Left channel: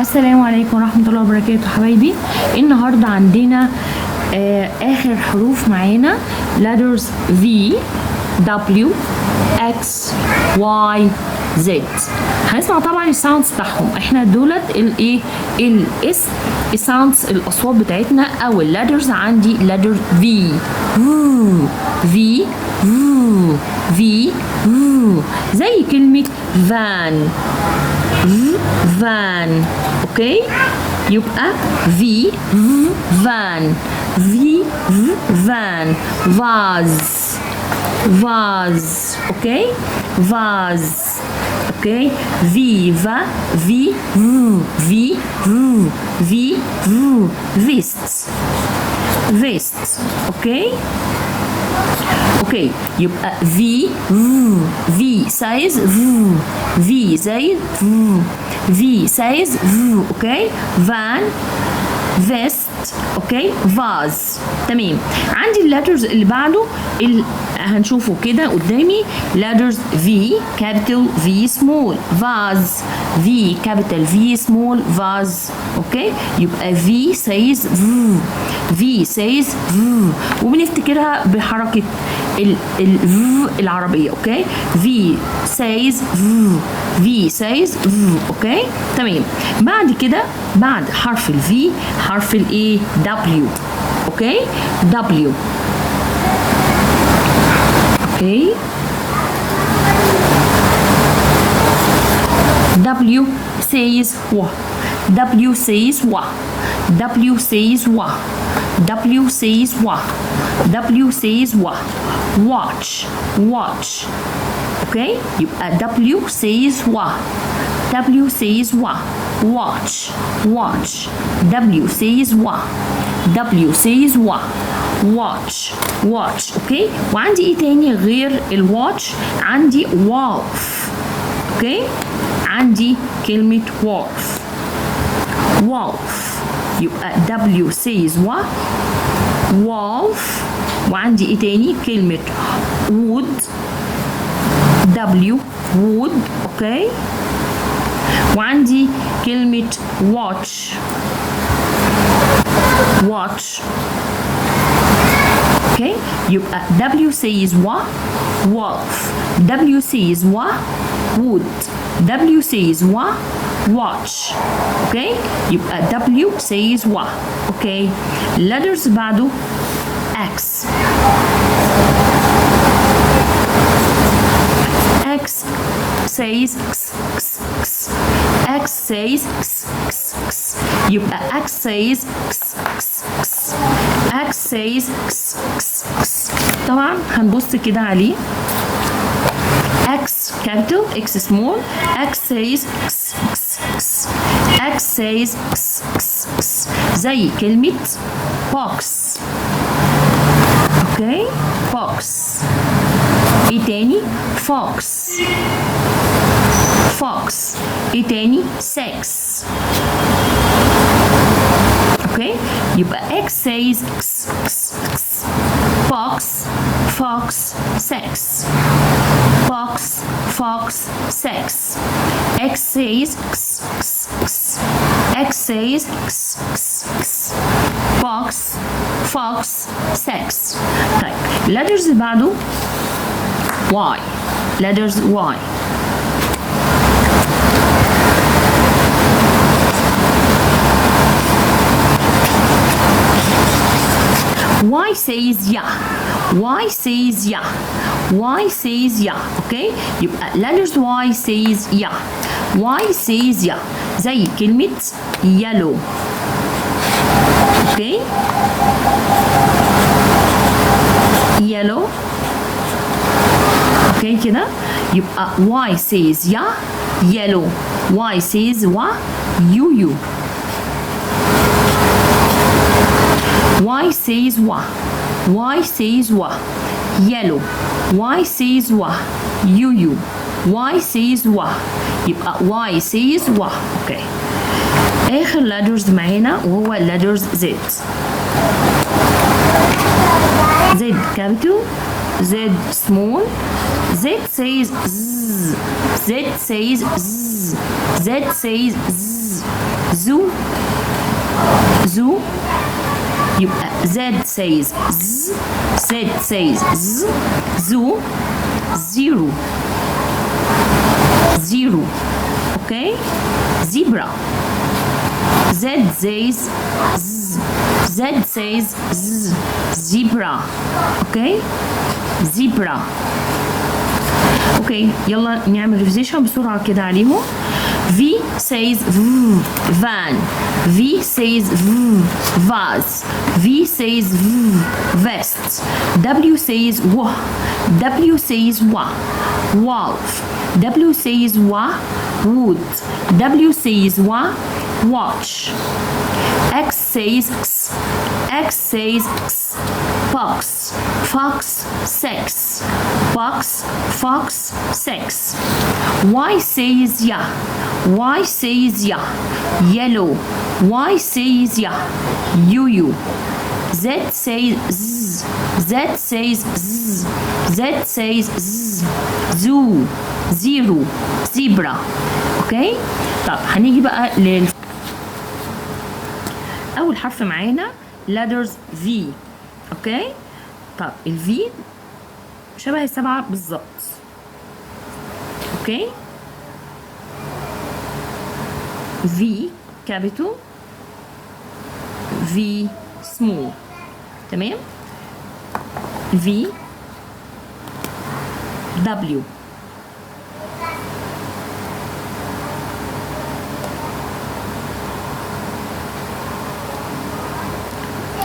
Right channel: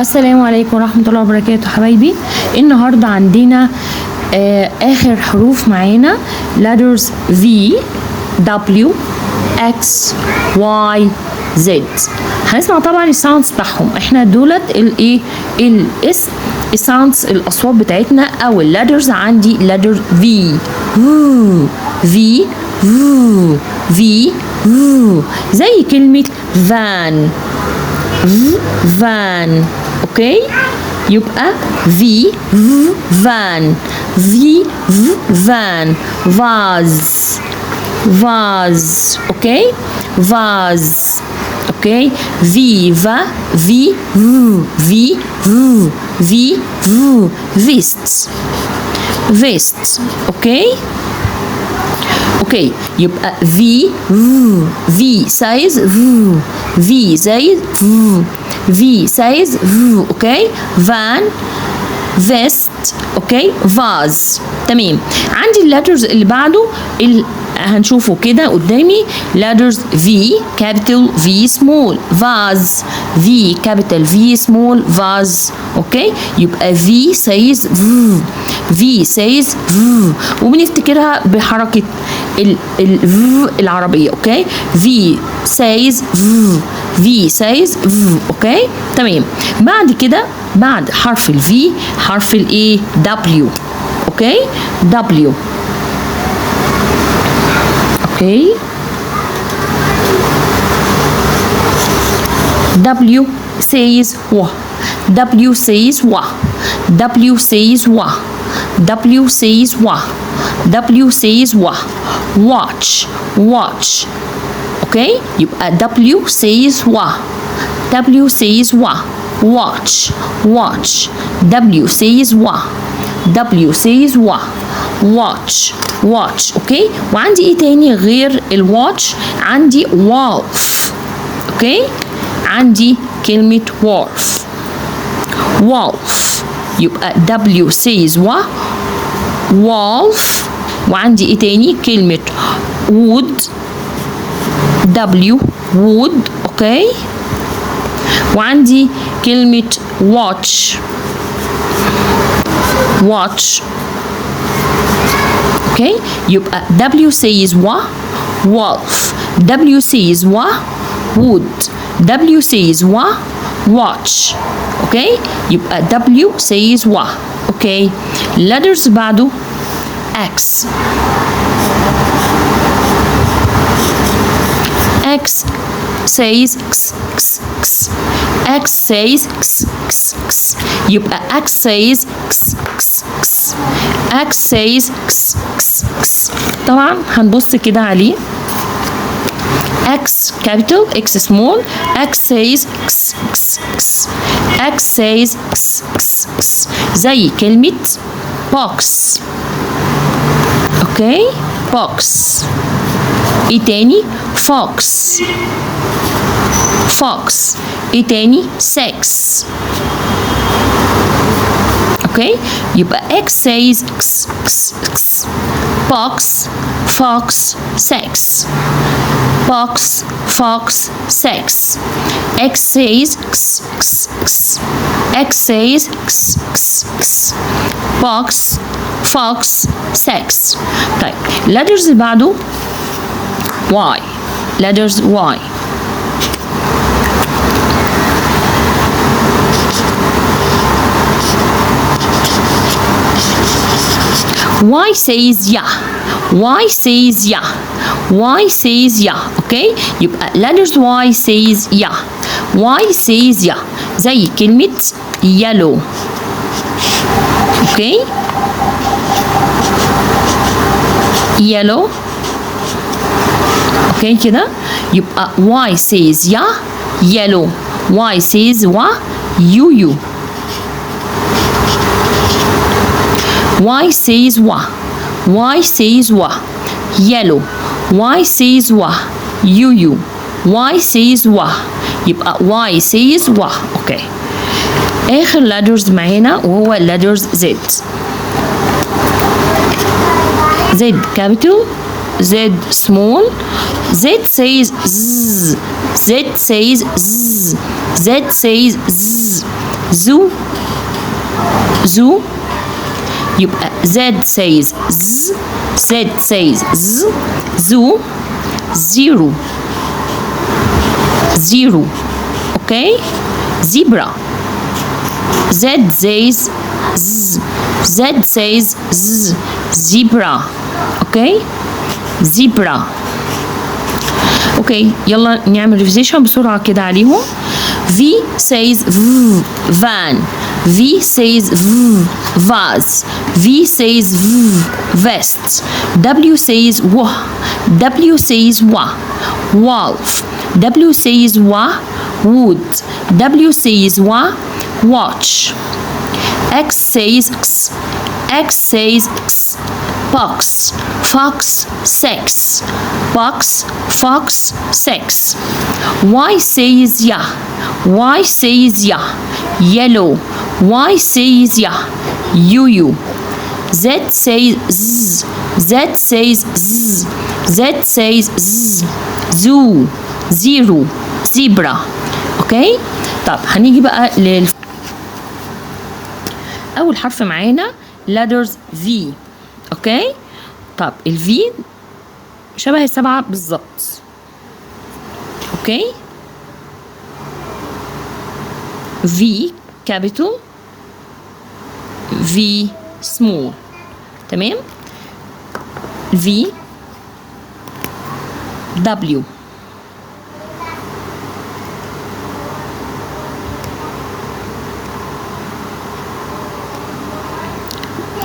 السلام عليكم ورحمة الله وبركاته حبايبي. النهاردة عندنا آخر حروف معانا letters V W X Y Z. هنسمع طبعا الساوندز بتاعهم. احنا دولت الايه الاسم الساوندز الاصوات بتاعتنا او الليترز. عندي letter V V V زي كلمة van فان. اوكي يبقى في فان في فان فاز فاز. اوكي فاز. اوكي فيفا في في في فيست فيست. اوكي اوكي يبقى في سايز في زي في سايز اوكي فان فيست. اوكي فاز. تمام. عندي الليترز اللي بعده هنشوفه كده قدامي letters V capital V small vase V capital V small vase. اوكي يبقى V says V says وبنفتكرها بحركة ال العربية. اوكي V says V says اوكي تمام. بعد كده بعد حرف ال V حرف الايه W. اوكي W. اوكي W says wa W says wa W says wa W says wa W says wa watch watch. اوكي يبقى W says wa W says wa watch watch W says wa W says wa watch watch. اوكي وعندي ايه تاني غير الواتش؟ عندي wolf. اوكي عندي كلمة wolf wolf يبقى W says wa wolf. وعندي ايه تاني؟ كلمة wood W wood. اوكي وعندي كلمة watch watch. اوكي يبقى W says wa wolf W says wa wood W says wa watch. اوكي يبقى W says wa. اوكي letters بعده X X says X X X X says X X X يبقى X says X X X X says X X X. طبعا هنبص كده عليه X capital X small X says X X X X says X X X زي كلمة box. اوكي box. ايه تاني؟ fox fox. ايه تاني؟ sex. اوكي يبقى X says X X X box fox sex box fox sex. X says X X X X says X X X box fox sex. طيب letters اللي بعده Y letters Y. Y says yeah Y says yeah Y says yeah. اوكي يبقى letters Y says yeah Y says yeah زي كلمة yellow. اوكي yellow. اوكي كده يبقى Y says yeah yellow Y says wa you Y says wa Y says wa yellow Y says wa you Y says wa يبقى Y says wa. اوكي اخر letters معانا وهو letters Z Z capital Z small Z says Z Z says Z Z says Z زو زو. يبقى Z says Z, Z says Z, زو. zero zero. Okay. Zebra. Z says Z, Z says Z, zebra. Okay. zebra. اوكي يلا نعمل ريفيزيشن بسرعه كده عليهم. V says V, van. V says V, vase. V says V, vest. W says W, W says W, wolf. W says W, wood. W says W, watch. X says X, X says X, box. Fox, sex. Box, fox, sex. Y says ya, Y says ya, yellow. Y says ya, you. Z says Z, Z says Z, Z says Z, zoo, zero, zebra. اوكي. طب هنيجي بقى اول حرف معانا letters V. اوكي. طب ال V شبه السبعة بالظبط. اوكي. V capital, V small. تمام. V W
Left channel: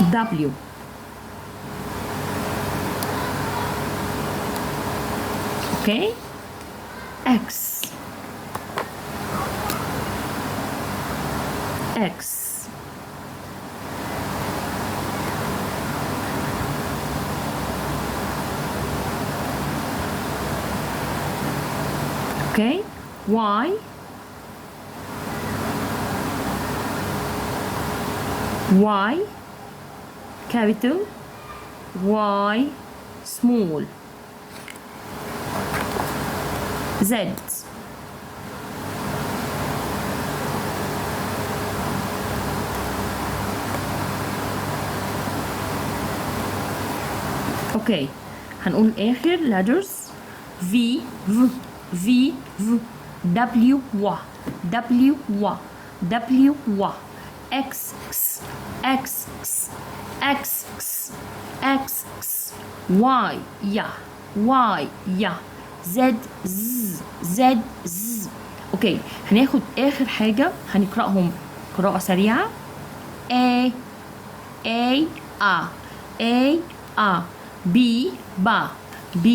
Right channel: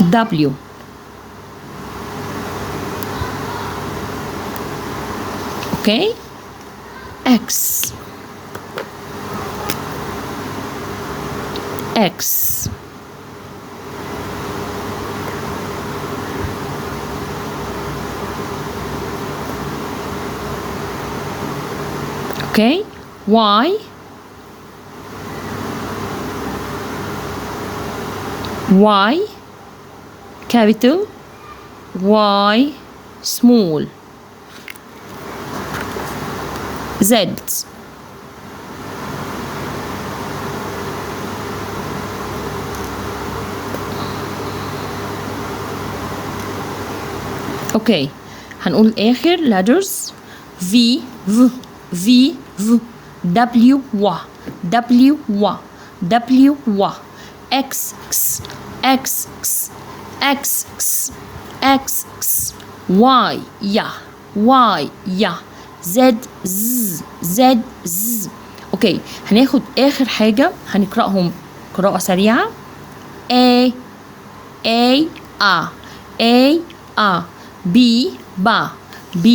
W okay. X X okay. Y Y capital, Y small. Z اوكي. هنقول اخر letters V V V V W W W W W W X X X X X X X Y يا Y يا Z Z Z Z. اوكي. هناخد اخر حاجة هنقرأهم قراءة سريعة. A A A A A B با B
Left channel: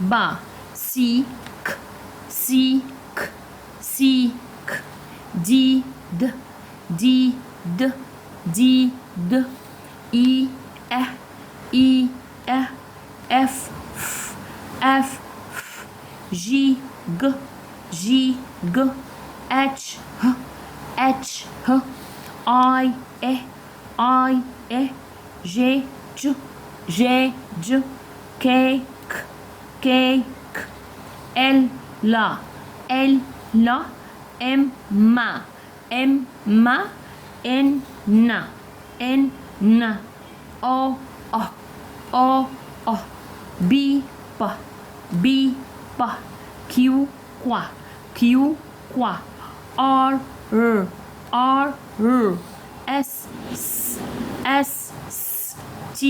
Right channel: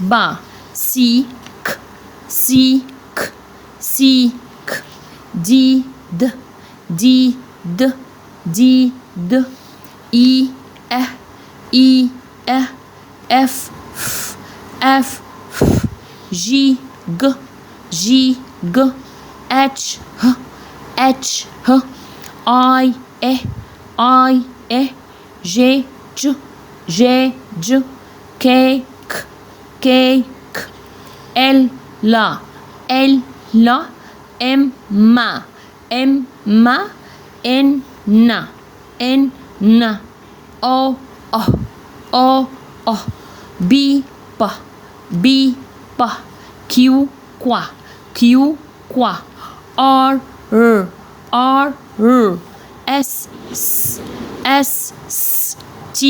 با C K C K C K D D D D D D E E E E F F F G G G G H H H I E I E J J J J K K K K L لا L لا M ما M ما N نا N نا O O O O B با B با Q qua Q qua R R R R S S S S T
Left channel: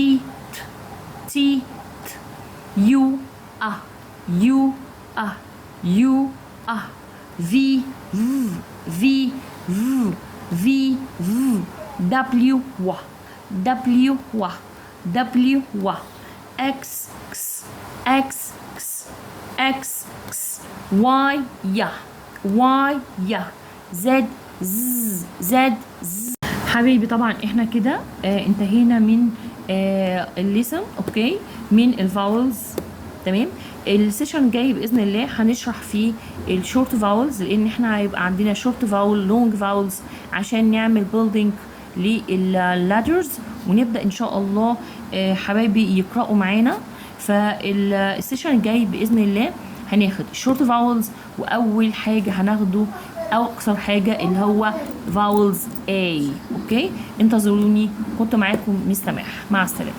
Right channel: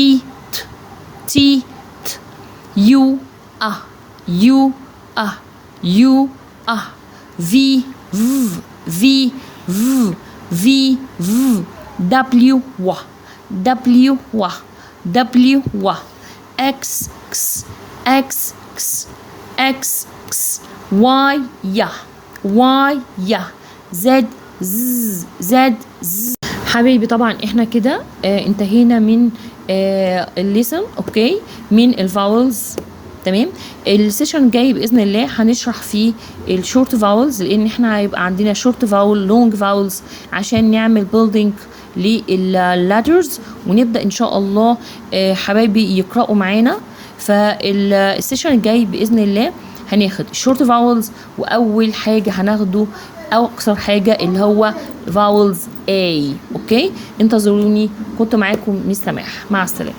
T T T U A U A U A V V V V V V W W W W W W X X X X X X Y يا Y يا Z Z Z Z. حبايبي طبعا احنا كده انتهينا من الليسن. اوكي. من الفاولز. تمام. السيشن الجاي باذن الله هنشرح فيه الشورت فاولز، لان احنا هيبقى عندنا شورت فاول لونج فاولز عشان نعمل بيلدينج لللاترز، ونبدا ان شاء الله حبايبي يقراوا معانا. فالسيشن الجاي باذن الله هناخد الشورت فاولز، واول حاجه هناخده او اقصر حاجه اللي هو فاولز A. اوكي، انتظروني، كنت معاكم مس سماح، مع السلامه.